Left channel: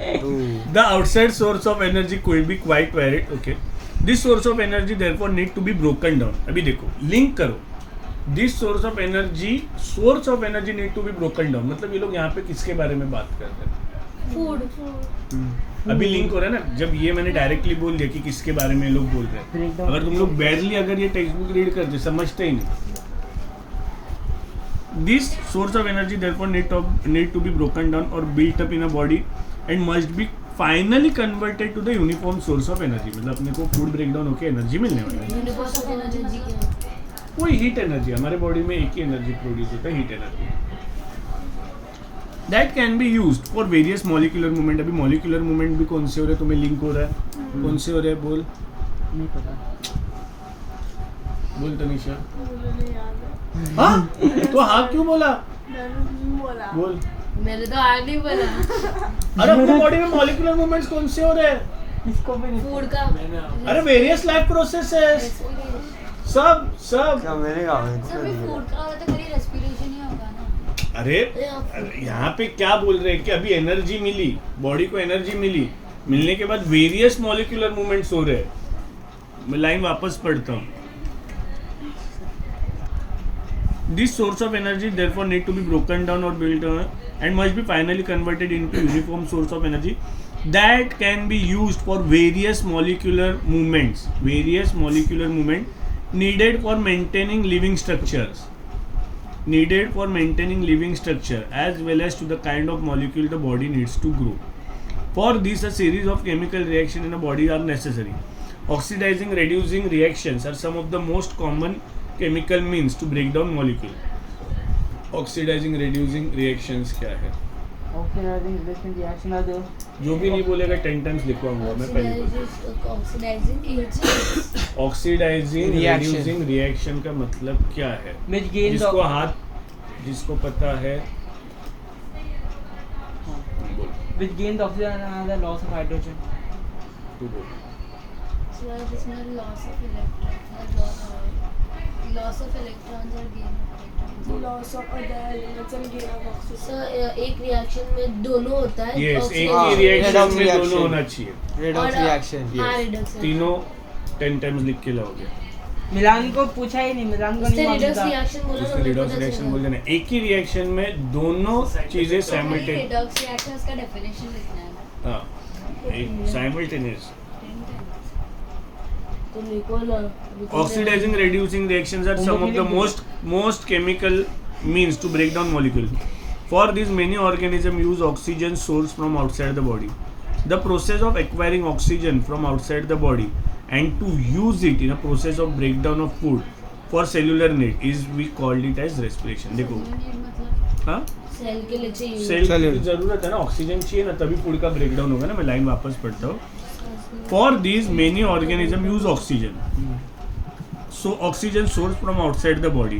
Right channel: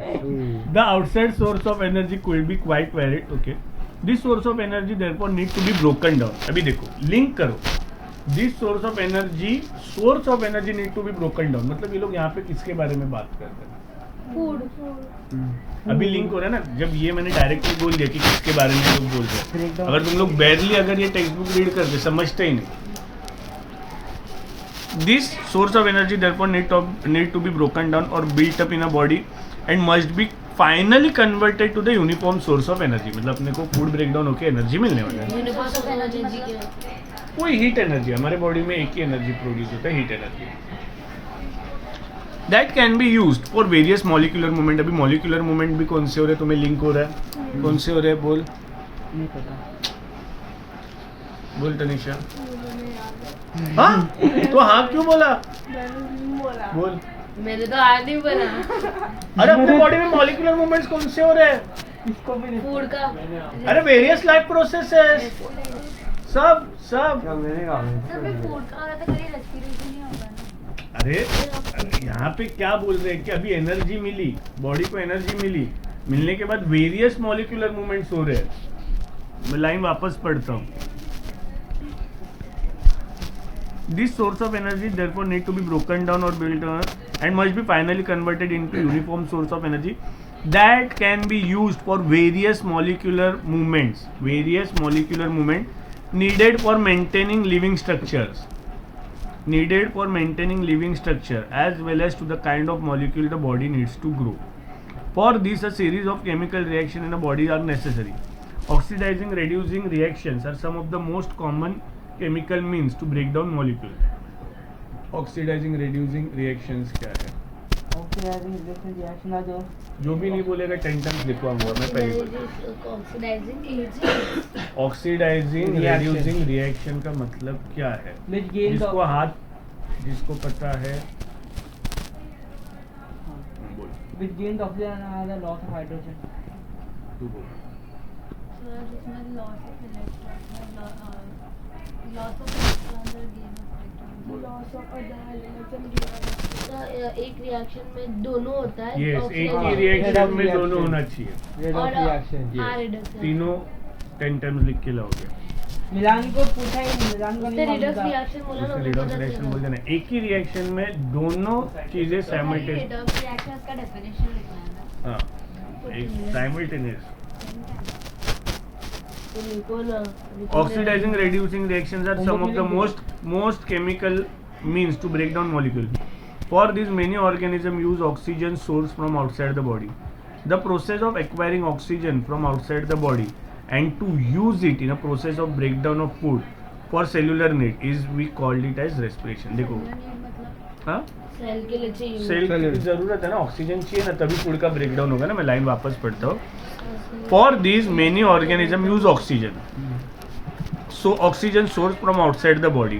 The outside source of energy could be quite varied. Okay. This source of energy therefore need to be broken down. अभी देखो link करो. This source of energy need to be broken down. मतलब ये लोग यहाँ पे किसके बारे में बात करते हैं? फूड अभी लिंक हो रहा है ना. जब ये मैंने डायरेक्टली बोल दिया कि किसके बारे में लोग बोल रहे हैं. अगर तुम लोग बैरली अगर ये टेक्स्ट बुक रीड करते समझते ही नहीं. This source of energy therefore need to be broken down or built up in a body and must be finally converted to the uniform source of energy. मतलब अपने को फूड ब्रेकडाउन होकर energy मिलने वाला है. यूनिवर्स ऑफ एनर्जी कोई heat energy. हमारे body में एक ही एनर्जी प्रोड्यूस होता है, heat energy. That can be used for various molecular movement. अभी मॉलिक्यूलर मूवमेंट भी कौन से हो रहे हैं? तुम्हें लिंक हो रहा है. कौन से हो रहे हैं? बोल नहीं पता. बोल तनिषा. हाँ तो हाँ क्यों बोला? बोल. मैंने तो आज नहीं बोला. अरे अपने बॉडी में मॉलिक्यूलर मूवमेंट्स कौन से हो रहे हैं? इसको भी नहीं. फूड का. अरे वेरियस लाइफ प्रोसेसेस. सब क्या मेरे का सब में फूड का होता है तो कभी रेस्पिरेशन ही होगा ना. अरे यहाँ पे क्या बोल रहे हैं कि अभी एनर्जी मिली, बॉडी को एनर्जी मिली, मिलने के बाद वेरियस मॉलिक्यूलर मूवमेंट्स हो रहे हैं. मैं लाइन वापस पढ़ता हूँ. This source of energy therefore need to be broken down or built on and must be finally converted into uniform source of energy that can be used for various molecular movements. Various molecular movement needed for maintaining living structures. Needed for maintaining living structure as well as to the kind of molecule the body needs to grow. For this, a series of chemical reactions in the body are necessary. Oxidizing, reducing reactions are some of the most common chemical means to break down molecule. Oxidizing, reducing reactions क्या है? Oxidising reaction are the. जो भी नहीं बोलेगा 10 times लिखवाऊंगा मैं पहले. Oxidising agent. Oxidising reducing reaction का मतलब क्या है? जिसको हाथ जिसको पता है बोल. Which gain the oxygen and the loss of hydrogen. तू बोल. इसमें loss of electron loss of electrons और gain of electrons. Loss of other elements and gain of तो एक रिएक्शन में दोनों होता है. यस एक ही रिएक्शन में दोनों होना चाहिए. Redox reaction. हाँ रिडक्स. तीनों 10 टाइम्स लिख के लाओगे. मिलान को पूछा ही नहीं. मिलान को नहीं रिडक्स मालूम था. रिएक्शन बोला उसको रिडॉक्स रिएक्शन बोल देना. एक ही रिएक्शन में दोनों चीजें साइमल्टेनियस. रिडक्स रिएक्शन का डेफिनेशन लिखना है ना. हाँ एक साइमल्टेनियस. तो लिखो ना. Oxidizing, reducing reactions are some of the most chemical means to break down molecule. For these, many organisms use oxygen source from outside the body. The process of acquiring oxygen from outside the body and to use it in a process of breakdown of food for cellular need is we called it as respiration. देखो मतलब हाँ cell के लिए चाहिए. Cell की जरूरत है ना, ऑक्सीजन चाहिए ना, तभी फूड का ब्रेकडाउन होगा ना. मैं लाइन वापस पढ़ता हूँ. For these, many organisms use oxygen. So oxygen source from outside the body.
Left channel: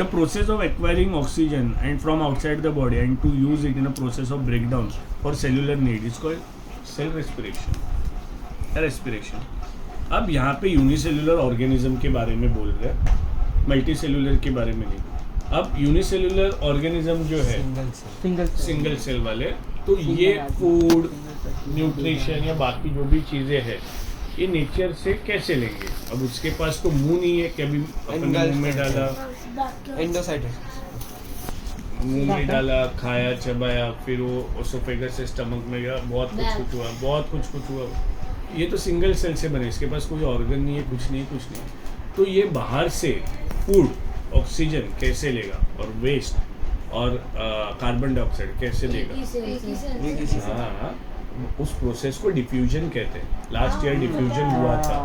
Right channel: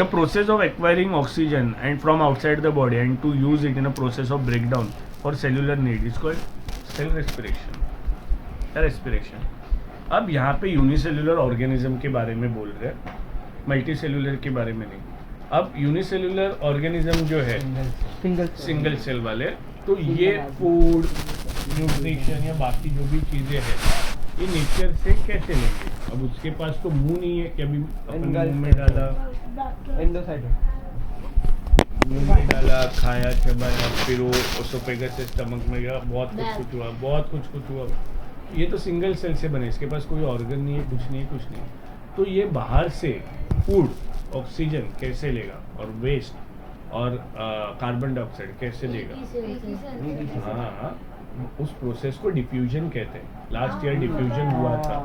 The process of acquiring oxygen and from outside the body and to use it in a process of breakdown for cellular need is called cell respiration. Respiration. अब यहाँ पे unicellular organism के बारे में बोल रहे हैं, multi cellular के बारे में नहीं. अब यूनिसेलुलर ऑर्गेनिज्म जो है सिंगल सेल वाले, तो ये फूड न्यूट्रिशन या बाकी जो भी चीज़ें हैं ये नेचर से कैसे लेंगे? अब उसके पास तो मुंह नहीं है कि अभी अपने मुंह में डाला, एंडोसाइटस. मुंह में डाला, खाया, चबाया, फिर वो ओसोफेगस से स्टमक में गया, बहुत कुछ हुआ. ये तो सिंगल सेल से बने, इसके पास कोई ऑर्गन नहीं है, कुछ नहीं. तो ये बाहर से फूड ऑक्सीजन कैसे लेगा और वेस्ट और कार्बन डाइऑक्साइड कैसे लेगा? हाँ उस प्रोसेस को डिफ्यूजन कहते हैं. लास्ट ईयर डिफ्यूजन हुआ था.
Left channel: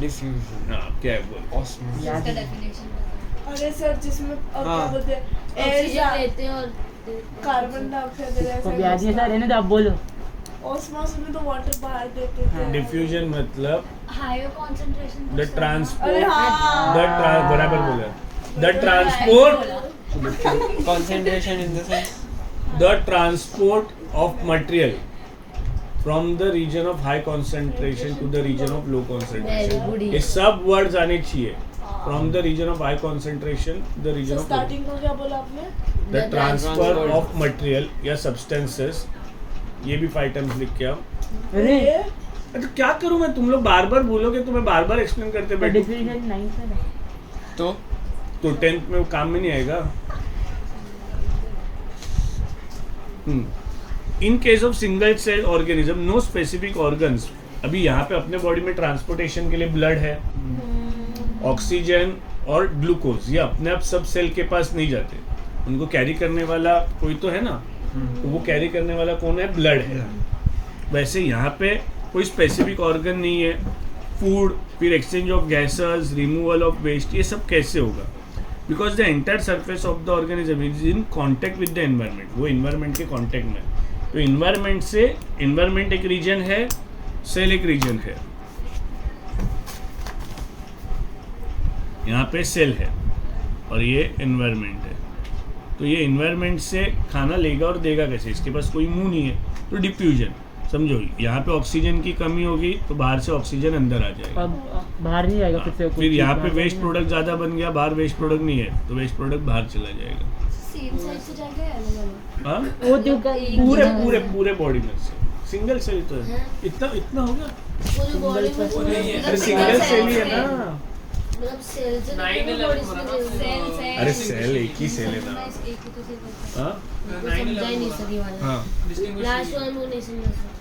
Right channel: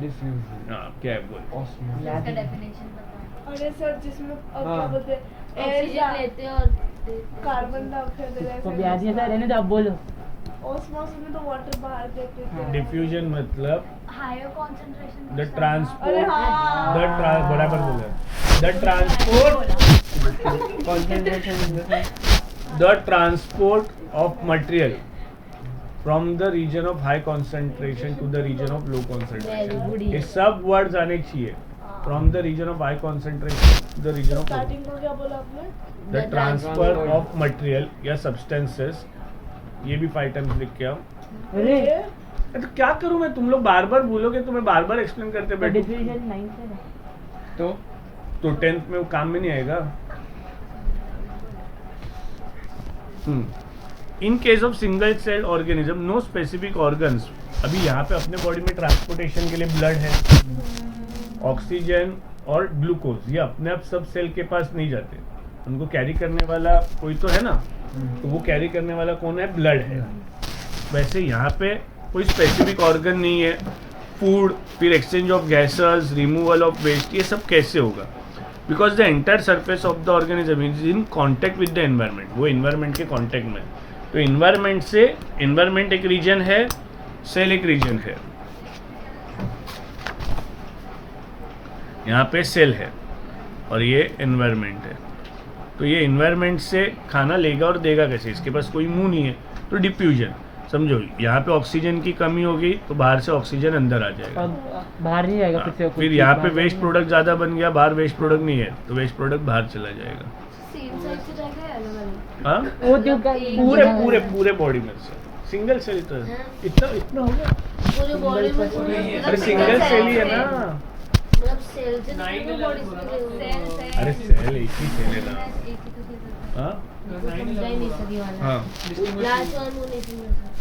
डिफ्यूजन. हाँ क्या है बोल. इसका डेफिनेशन बता. अरे सर जिसमें क्या बोलते हैं ऑक्सीजन लेते हैं और कार्बन डाइऑक्साइड तो ब्याज ये सारे ने तो अब बोलो. ऑस्मोसिस में तो वाटर बाहर देते थे. डिफ्यूजन मतलब हायर कंसंट्रेशन द ट्रांसपोर्ट. अरे हाँ. बराबर बोला. The transport concentration in the sense. The transport of material from the region of high concentration to the region of low concentration. ये सब वर्ड्स आने चाहिए. From the region of high concentration to the region of starting को क्या बोला आपने? The transfer of material या substances ये भी 5 टाइम्स लिख के आओ। अरे तो क्या करूं मैं, तुम लोग बार बार बोलोगे तो मैं बार बार एक्सप्लेन करते बैठूं डिफिनेशन 9 सर है। तो 10th में वो काम में नहीं आएगा। In case of single cell organism no specific organs, अभी यहाँ पे अपने बॉडी में ट्रांसपोर्टेशन के लिए ब्लड है, ऑक्सीजन और ग्लूकोज, ये अपने आप सब सेल के पास नहीं जाते, उनको कैरी करने वाला कोई तो है ना, तो वो कैरी करने वाला कौन है, ब्लड है। वैसे यहाँ पे कोई स्पेसिफिक ऑर्गन नहीं है। फूड, फिर exchange of gases, removal of waste, ये सब कैसे होगा? Because the entire surface of the organism is in contact with the environment, वो एनवायरनमेंट के कॉन्टैक्ट में, तो एनवायरनमेंट से, एनवायरनमेंट एक रीजन है, सेल एक रीजन है। यहाँ पे सेल है और ये एनवायरनमेंट है, तो ये एनवायरनमेंट से खाना लेगा और देगा कैसे, इसके पास कोई मुंह नहीं है, तो डिफ्यूजन समझो। यहाँ पे ऑक्सीजन की कमी होगी तो बाहर से ऑक्सीजन अंदर आ जाएगा, अब बाहर नहीं आएगा फिर से। फिर यहाँ पे वेस्ट प्रोडक्ट ज़्यादा बन गया, बाहर वेस्ट प्रोडक्ट नहीं है तो वेस्ट प्रोडक्ट बाहर चला जाएगा। सेम साइड से जाएगा या अलग अलग? हाँ, वो जो पूरे पूरे पूरे बॉडी में से सिंगल सेल तो हाँ। इतना इतना हो गया। पूरी बॉडी में अरे सिंगल सेल ही है ना, मतलब सेल से पूरी बॉडी से अरे सेल एक ही सेल है ना। एक ही तो सेल है। हाँ वो समझा ही नहीं सकी वाला। हाँ, लास्ट वन वो नहीं समझा सका।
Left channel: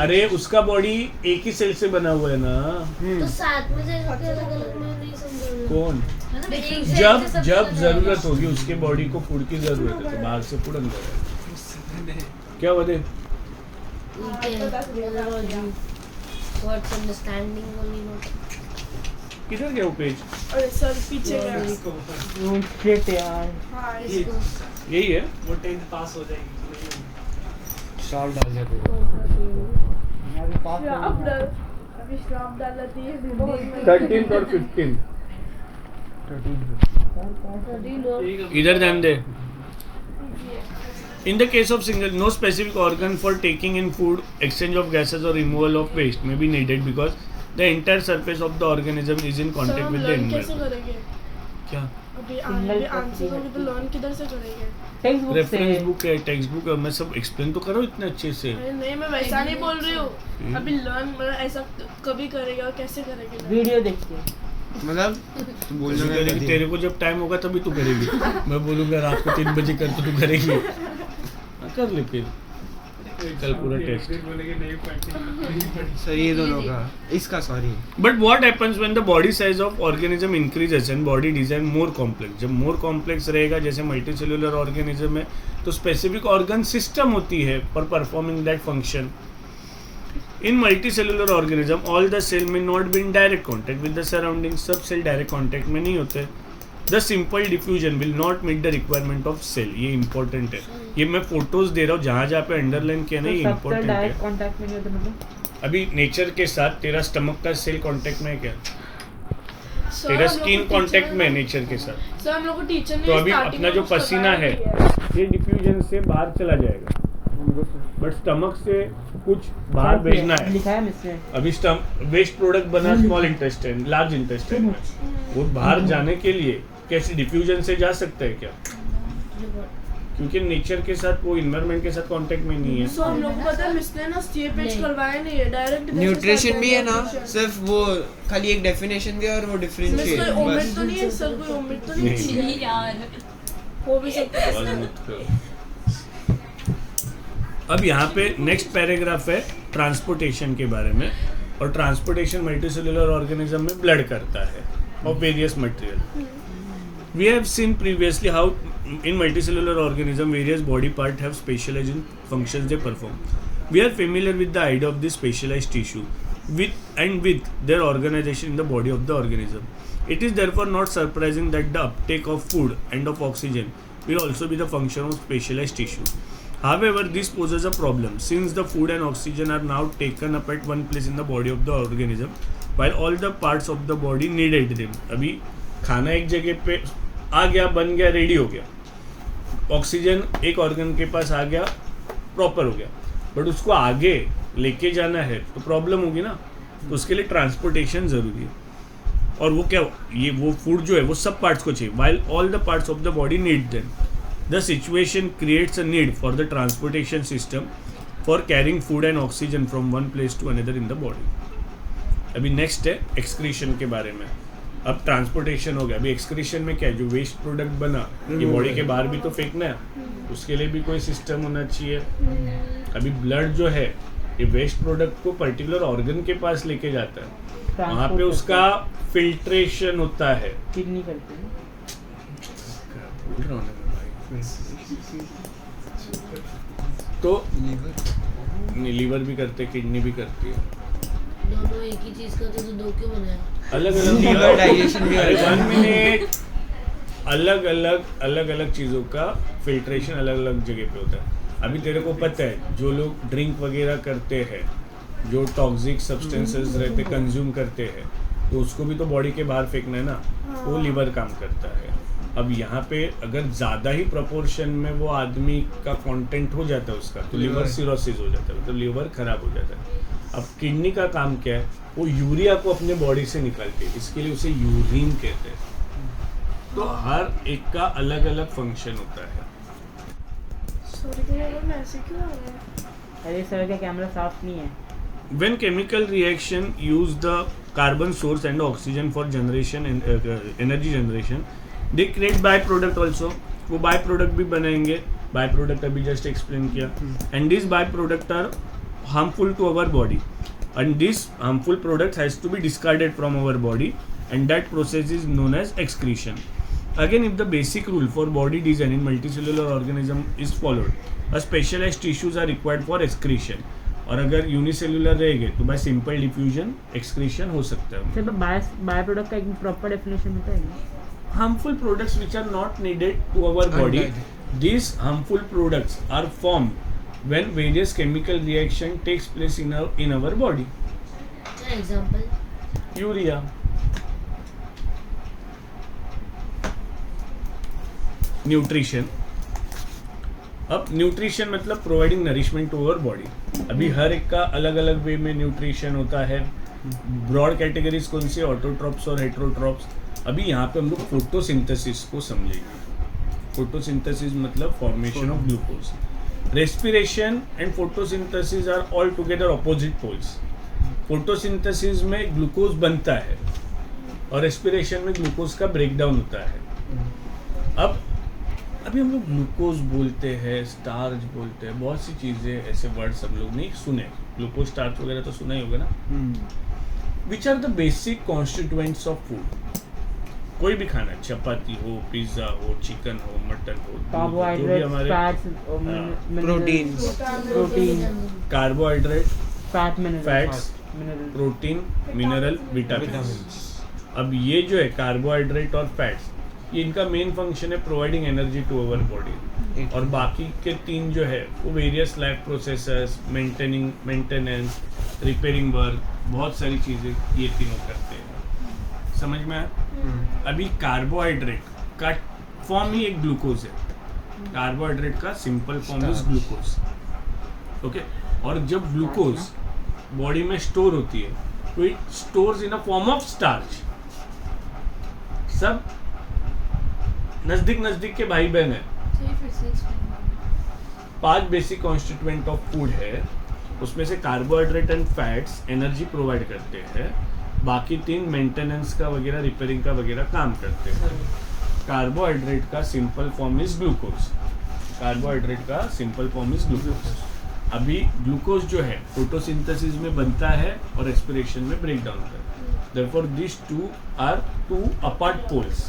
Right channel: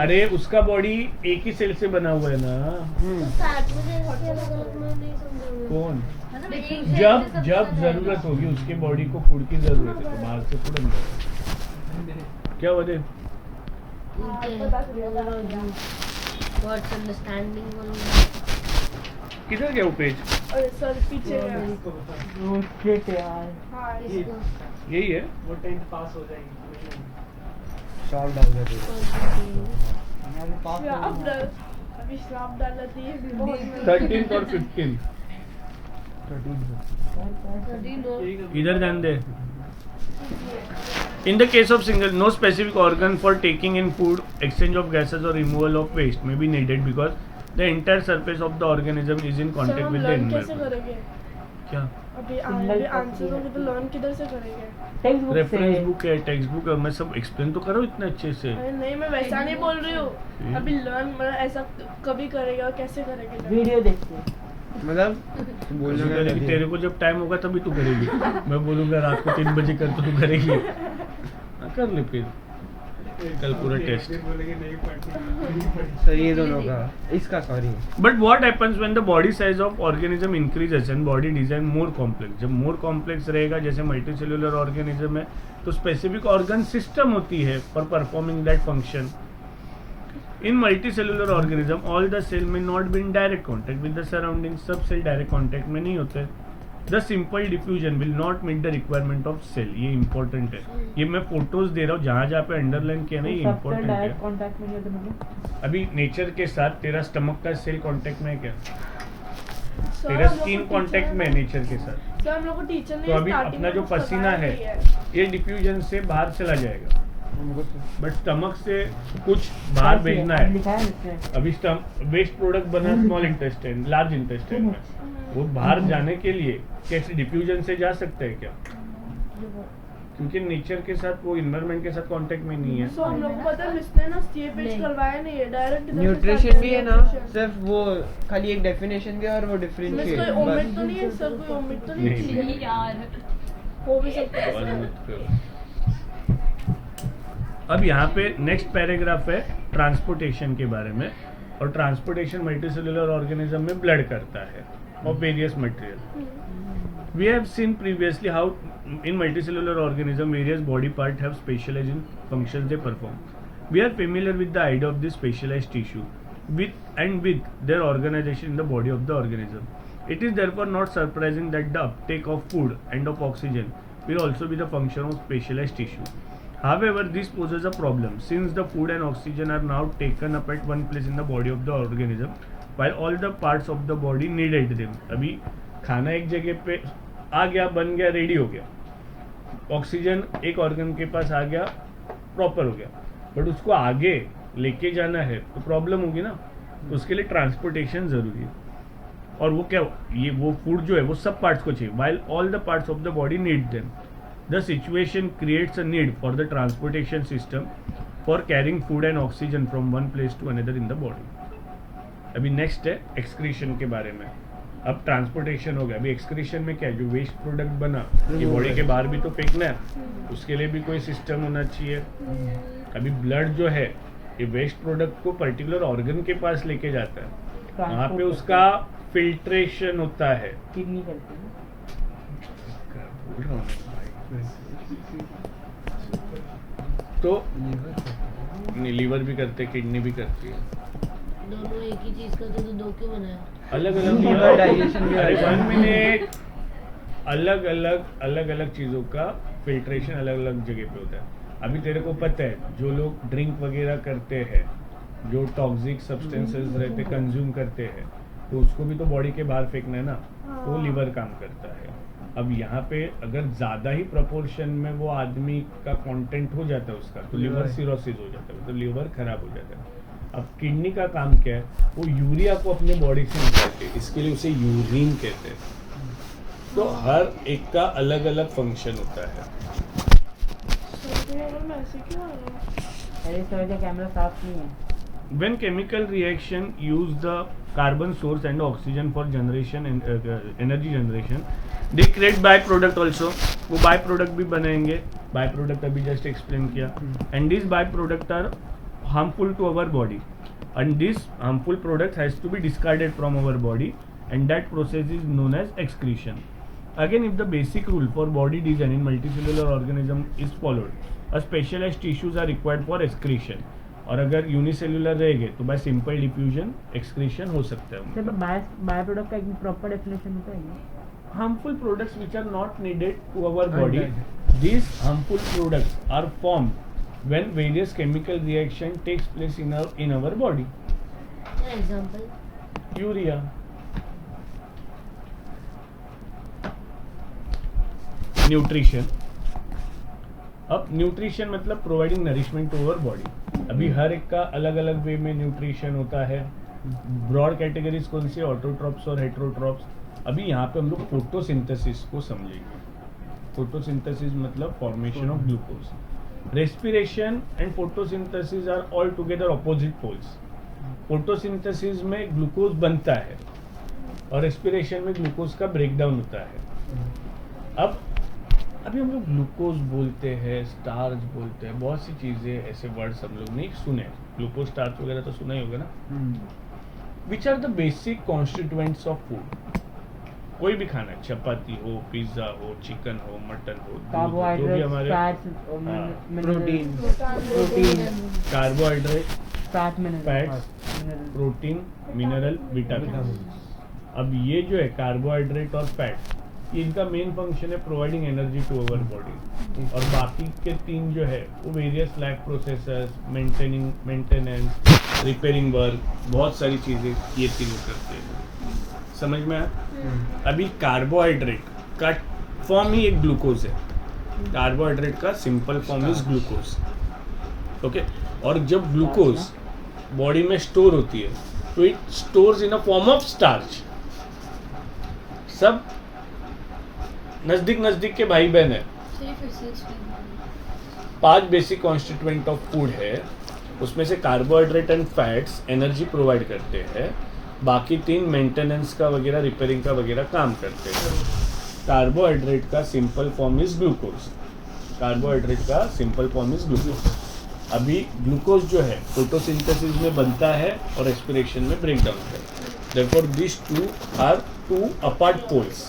अरे उसका बॉडी एक ही सेल से बना हुआ है ना। तो साथ में से अलग अलग में नहीं समझा। कौन? मतलब एक जब सेल से सब जब चला जरूरत जाएगा। होगी उसके बॉडी को फूड की जरूरत है तो बाहर से फूड अंदर आएगा। क्या बोले? What's understanding on that? किधर गया वो पेज? अरे सर पीछे गया। वो shit यार। हाँ, इसको यही है। वो 10th पास हो जाएगी। शॉर्ट डाल दे तो। हमारे पास श्राप डाल, अभी श्राप डाला थी ये भी बहुत 13th और 15th। इधर ध्यान दे। In the case of single, no specific organ for taking in food, exchange of gases or removal of waste may be needed because the entire surface of the organism is in sir contact हम with the learn कैसे environment. करेंगे? क्या? अभी answer होंगे तो learn किधर से करेंगे? टेक्स्ट बुक रेफरेंस से। बुक है, टेक्स्ट बुक है, मैं सब एक्सप्लेन तो करो इतना अच्छे से। अरे नहीं मैं वैसा नहीं बोल रही हूँ। अभी लर्न मतलब ऐसा कभी करेगा और कैसे करेंगे? वीडियो देखते। मतलब तू बोल तू रहा करेगी, है तेरे को जब टाइम होगा तभी तू करेगी। मैं बोलूंगा रात को 3 बजे कर तो तू करेगी। हाँ, कर ले फिर कल पूरा टेस्ट। सर ये दोनों का इसका sorry But what happens when the body size of organism increases and body design more complex? जब more complex रहेगा, जैसे multicellular organism है, तो specific organ system होती है for performing that function. In multicellular organism, all the cell may not be in direct contact with the surroundings. सब cell direct contact में नहीं होते. The simple diffusion will not meet the requirement of cell. ये important है. ये मैं photos दे रहा हूँ, जहाँ जहाँ पे underline किया ना, ये सबसे important डायरेक्ट है. कांटेक्ट में नहीं होता मतलब। अभी नेचर के साथ तेरा स्टमक का सेल कांटेक्ट में है क्या? सर, तेरा हम लोग स्किन को कांटेक्ट टीचर में है ने- नेचर के साथ। सर हम लोग को टीचर ने तो अभी starting अपना में जो कुछ बताया पसीना है नहीं है। ये डिफ्यूजन से बाहर चला जाएगा, बट स्टमक से कुछ बाहर भेजना है। लिखा है इसमें। अभी वेस्ट प्रोडक्ट बना स्मॉल इंटेस्टाइन, लार्ज इंटेस्टाइन में, वो बाहर जाने के लिए कैसे डिफ्यूजन से जा सकता है क्या? क्योंकि नेचर के साथ, वो इन्वायरमेंट के साथ कांटेक्ट में नहीं है। सो हम लोग को पता है मिस ने ना ये पेज नहीं। करवाया नहीं है डायरेक्ट न्यूट्रिशन भी है ना, सिर्फ वो खाली एक डेफिनेशन दिया और वो डिफरेंशिएट कोई ओमिट बस तो नहीं है सर, कोई ओमिट तो नहीं नहीं। है यार हो भी सकता है। आवाज मत कर। अब यहाँ पे नेक्स्ट पैराग्राफ है ट्रांसपोर्टेशन के बारे में, और ट्रांसपोर्टेशन मल्टीसेलुलर ऑर्गेनिज्म में ब्लड करता है of various material. We have seen previously how in multicellular organism various body parts have specialized in functions they perform. We are familiar with the idea of this specialized tissue with their organization in the body of the organism. It is therefore not surprising that the uptake of food and of oxygen will also be the function of specialized tissue. However, this poses a problem since the food and oxygen are now taken up at one place in the body of the organism while all the parts of the body needed them. अभी खाना एक जगह पे आ गया, बन गया, ready हो गया, ऑक्सीजन एक ऑर्गन के पास आ गया, प्रॉपर हो गया, बट उसको आगे लेके जाना है तो प्रॉब्लम होगी ना, तो उसके लिए ट्रांसपोर्टेशन ज़रूरी है. और वो क्या, ये वो फूड जो है वो सब पार्ट्स को चाहिए, while all the parts of the body need them. The situation creates a need for the transportation system for carrying food and oxygen from one place to another in the body. अभी next है excretion के बारे में. अब transportation हो गया. अभी excretion में क्या है, जो वेस्ट प्रोडक्ट बना ये बॉडी के बाहर भी तो फेंकना है, उसके लिए भी कोई सिस्टम होना चाहिए. अभी ब्लड जो है ये वेस्ट प्रोडक्ट को पर्टिकुलर ऑर्गन के पास लेके जाता है, वहाँ पे उसका फिल्ट्रेशन होता है. किडनी करती है. तो लीवर भी करते, किडनी भी करती है. दोनों एक ही चीज करते तो दो क्यों बनाया? अलग अलग Liver digestion भी अरे होता है. 1 मिनट. अलग अलग चीज़ों का फिल्ट्रेशन अलग अलग जगह पे होता है. अभी तेरे को पता है जो लोग ड्रिंक वगैरह करते हैं, जो टॉक्सिक सब्सटेंसेस रहते कंज्यूम करते हैं, तो उसको भी तो बॉडी के बाहर फेंकना है ना, वो लीवर काम करता है. अब यहाँ पे अगर ज़्यादा ही प्रोपोर्शन में वो आदमी का कंटेंट हो जाता है उसका, तो लीवर सिरोसिस हो जाता है, मतलब लीवर खराब हो जाता है. अब किडनी का काम क्या है, वो यूरिया को अपने बॉडी से निकालते हैं, इसके लिए उसे यूरिन कहते हैं. तो हर एक का अलग अलग फंक्शन होता है. ऐसे क्यों आ रहा है? अरे सर का कैमरा साफ नहीं है. When chemical reaction use the carbon source and oxygen for generation and energy generation, they create byproduct also. वो byproduct भी बनाएंगे. Byproduct अभी just explain किया. And these byproduct are harmful to our body. And this harmful product has to be discarded from our body, and that process is known as excretion. Again, if the basic rule for body design in multicellular organism is followed, a specialized tissues are required for excretion. और अगर unicellular रहेंगे तो bye simple diffusion excretion हो सकता है. Sir by product का एक proper definition होता है. Harmful products which are not needed to our body. These harmful products are formed when various chemical reaction takes place in our body. Example urea, nutrition. अब nutrition मतलब providing nourishment to our body. अभी हर एक का अलग अलग वे में nutrition होता है. ब्रॉड कैटेगरीज कौन सी, ऑटोट्रॉप्स और हेटेरोट्रॉप्स. अभी यहाँ पे हम लोग फोटोसिंथेसिस को समझेंगे. फोटोसिंथेसिस मतलब formation of glucose. Respiration and photosynthesis are all together opposite poles. Photosynthesis में ग्लूकोज बनता है और रेस्पिरेशन में ग्लूकोज का ब्रेकडाउन होता है. अब अभी हम लोग ग्लूकोज बोलते हैं, स्टार्च बोलते हैं, बहुत सी चीज़ें ऐसे वर्ड्स हम लोग नहीं सुने. ग्लूकोज, स्टार्च वगैरह तो सुना ही होगा ना. Which are the basic constituents of food. कोई भी खाना, चपाती हो, पिज्ज़ा हो, चिकन हो, मटन हो, carbohydrate, fats, protein, carbohydrate, fats, protein, mineral, vitamin. अब ये जो है कार्बोहाइड्रेट और फैट्स, ये इनका मेन फंक्शन है providing energy to our body. और बाकी के 3 जो है वो various life processes, maintenance, repairing work, बहुत सारी चीज़ें ये तीनों करते हैं. समझ में आया? अभी कार्बोहाइड्रेट का फॉर्म ही एक ग्लूकोज है. कार्बोहाइड्रेट का simple form is glucose. Okay. और जब ग्लूकोज बॉडी में स्टोर होती है तो it stores in a form of starch. सब नजदीक के भाई बहन है. 5 बेसिक कॉन्स्टिट्यूएंट ऑफ फूड है. उसमें से carbohydrate and fats energy provide करते हैं. बाकी 3 मेंटेनेंस का वगैरह, रिपेयरिंग का वगैरह काम करते हैं. कार्बोहाइड्रेट का simple form is glucose. Carbohydrate का सिंपल फॉर्म इज ग्लूकोज. अभी ग्लूकोज जो है फोटोसिंथेसिस में बनता है और रेस्पिरेशन में ब्रेक डाउन होता है. Therefore, these two are 2 apart poles.